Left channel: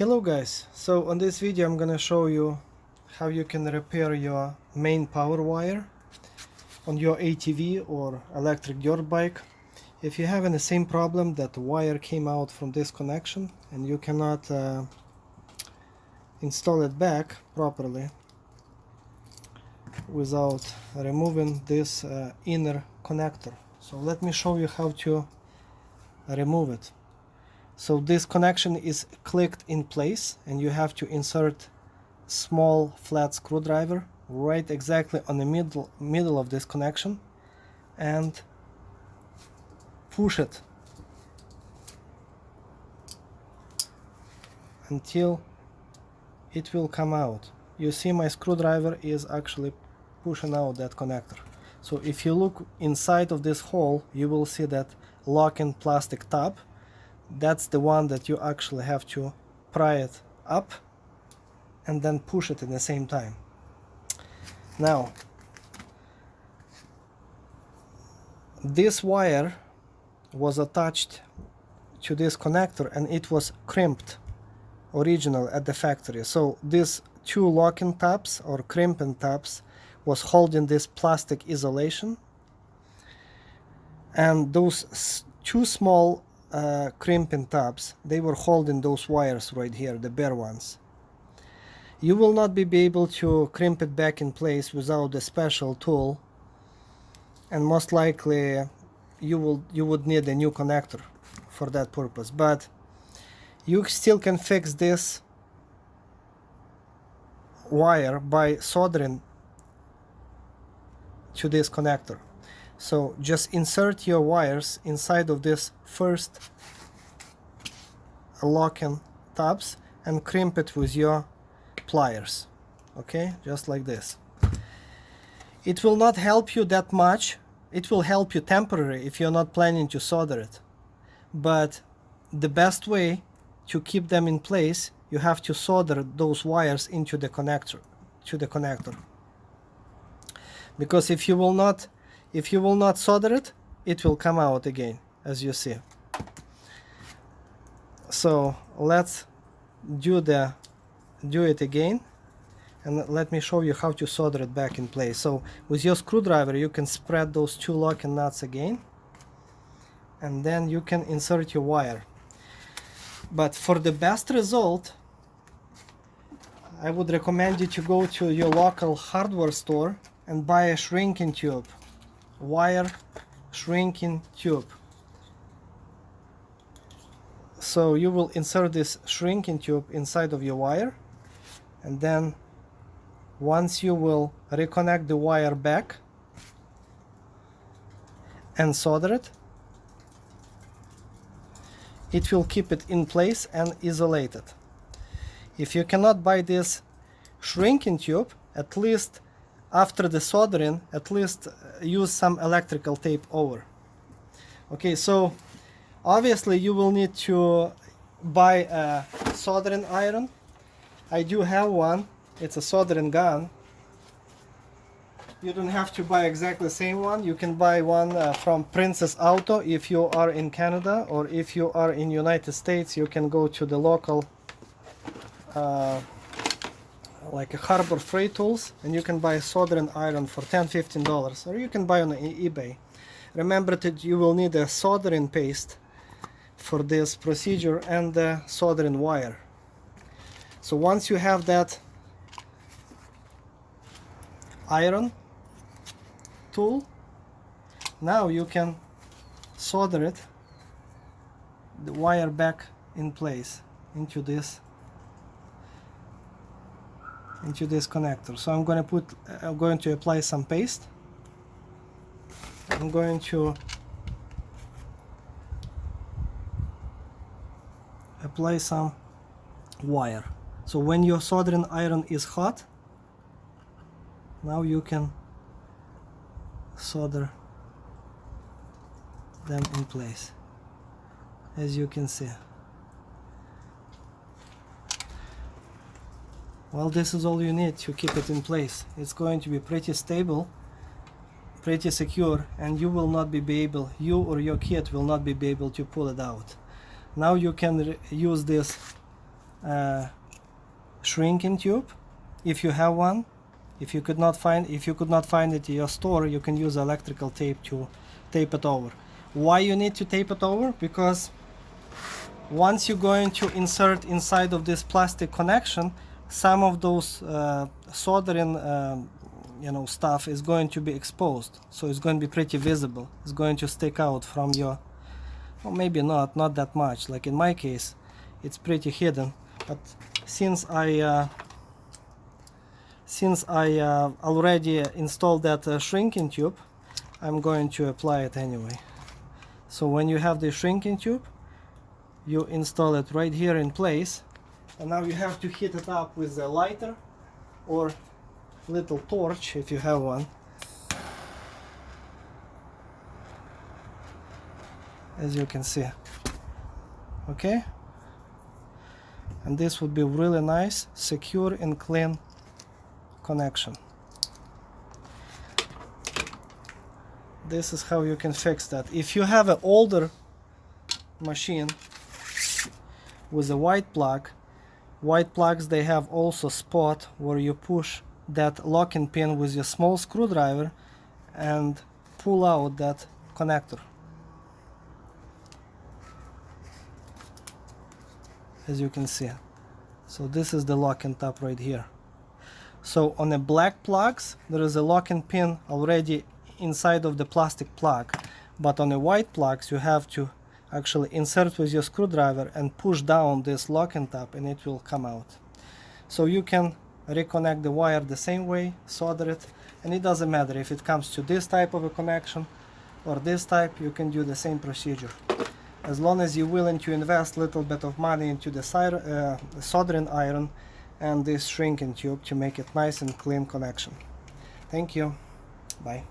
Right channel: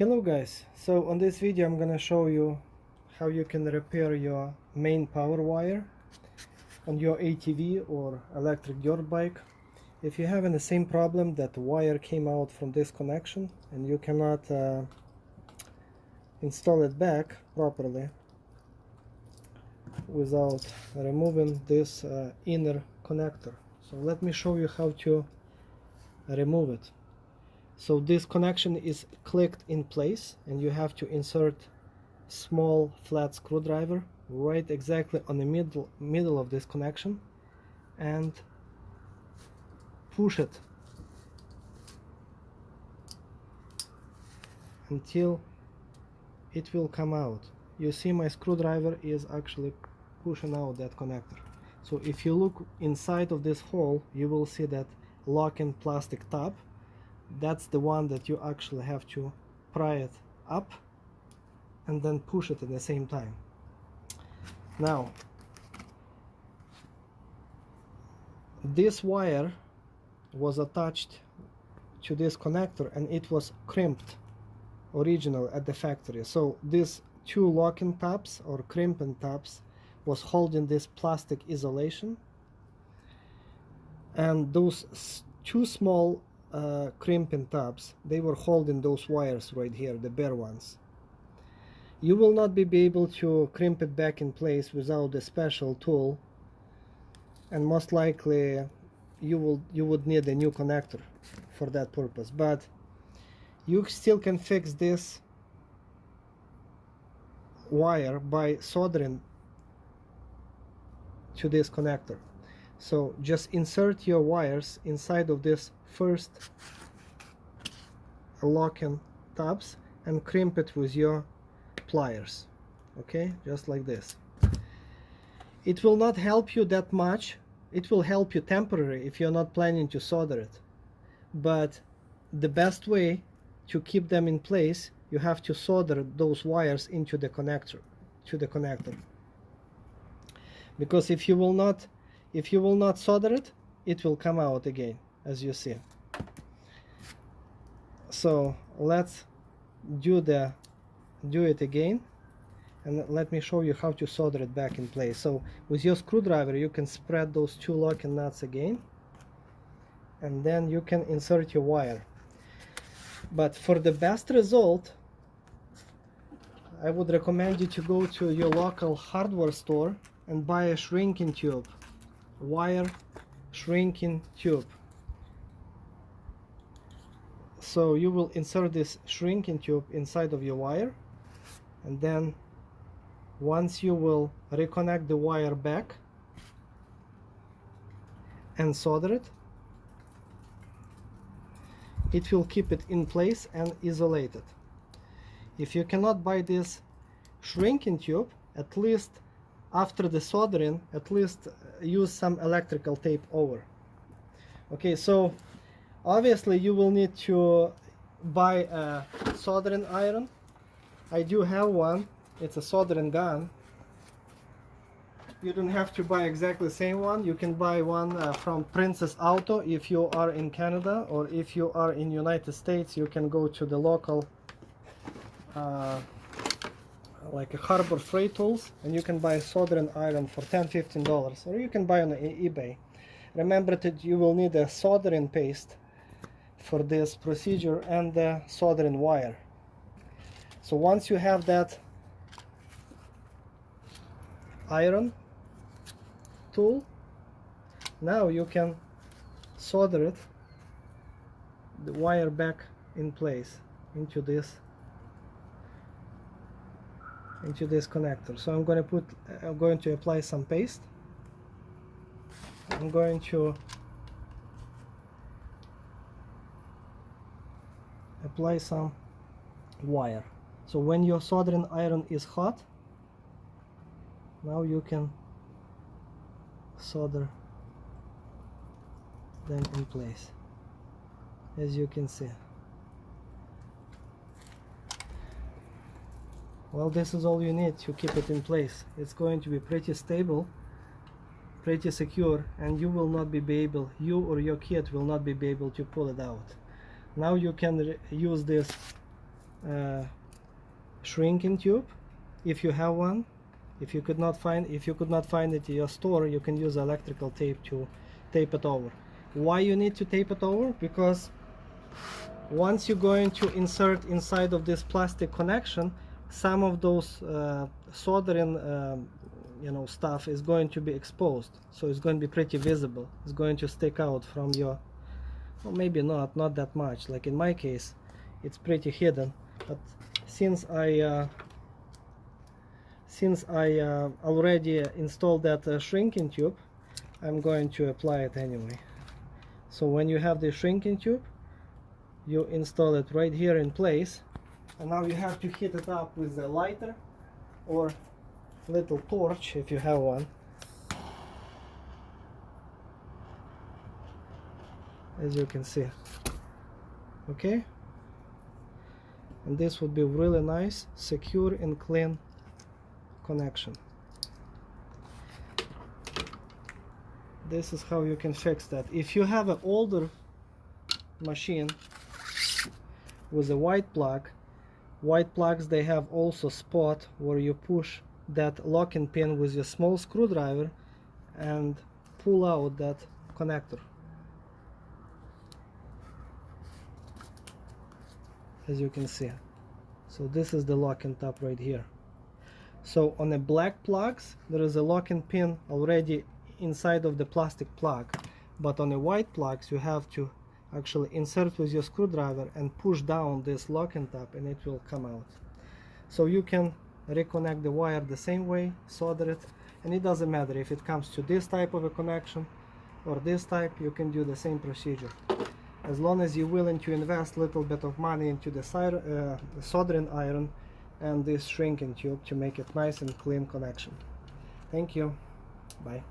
Hello guys, so on this video I'm gonna show you how you can repair your main power wire on your ATV or electric dirt bike. If you're having the same problem that the wire came out from this connection and you cannot install it back properly without removing this inner connector. So let me show you how to remove it. So this connection is clicked in place and you have to insert small flat screwdriver right exactly on the middle of this connection and push it until it will come out. You see my screwdriver is actually pushing out that connector. So if you look inside of this hole, you will see that lock-in plastic tab. That's the one that you actually have to pry it up and then push it at the same time. Now, this wire was attached to this connector and it was crimped original at the factory. So these two lock-in tabs or crimping tabs was holding this plastic isolation, and those two small crimping tabs, they were holding those wires right here, the bare ones. You will not be able to crimp it back in place without a special tool, and most likely you would need a new connector for that purpose, but you still can fix this wire by soldering to this connector. So just insert your wires inside of this first lock-in tabs and crimp it with your pliers. Okay, just like this. It will not help you that much. It will help you temporarily if you're not planning to solder it. But the best way to keep them in place, you have to solder those wires into the connector, because if you will not solder it, it will come out again, as you see. So let's do it again, and let me show you how to solder it back in place. So with your screwdriver you can spread those two locking nuts again, and then you can insert your wire. But for the best result, I would recommend you to go to your local hardware store and buy a shrinking tube, wire shrinking tube. So you will insert this shrinking tube inside of your wire, and then once you will reconnect the wire back and solder it, it will keep it in place and isolated. If you cannot buy this shrinking tube, at least after the soldering, at least use some electrical tape over. Okay, so obviously you will need to buy a soldering iron. I do have one. It's a soldering gun. You don't have to buy exactly the same one. You can buy one from Princess Auto if you are in Canada, or if you are in United States, you can go to the local like a Harbor Freight Tools, and you can buy a soldering iron for $10–15, or you can buy on eBay. Remember that you will need a soldering paste for this procedure and the soldering wire. So once you have that iron tool, now you can solder it, the wire back in place into this connector. So I'm going to apply some paste. I'm going to apply some wire. So when your soldering iron is hot, now you can solder them in place, as you can see. Well, this is all you need to keep it in place. It's going to be pretty stable, pretty secure, and you or your kid will not be able to pull it out. Now you can use this shrinking tube if you have one. If you could not find it in your store, you can use electrical tape to tape it over. Why you need to tape it over? Because once you're going to insert inside of this plastic connection, some of those soldering stuff is going to be exposed, so it's going to be pretty visible. It's going to stick out from your, or maybe not that much. Like in my case, it's pretty hidden. But since I already installed that shrinking tube, I'm going to apply it anyway. So when you have the shrinking tube, you install it right here in place, and now you have to heat it up with a lighter or little torch if you have one. As you can see. Okay? And this would be really nice, secure and clean connection. This is how you can fix that. If you have an older machine with a white plug, white plugs, they have also spot where you push that locking pin with your small screwdriver and pull out that connector. As you can see. So this is the locking tab right here. So on the black plugs, there is a locking pin already inside of the plastic plug, but on the white plugs you have to actually insert with your screwdriver and push down this locking tab and it will come out. So you can reconnect the wire the same way, solder it, and it doesn't matter if it comes to this type of a connection or this type, you can do the same procedure. As long as you're willing to invest a little bit of money into the soldering iron and this shrinking tube to make it nice and clean connection. Thank you. Bye.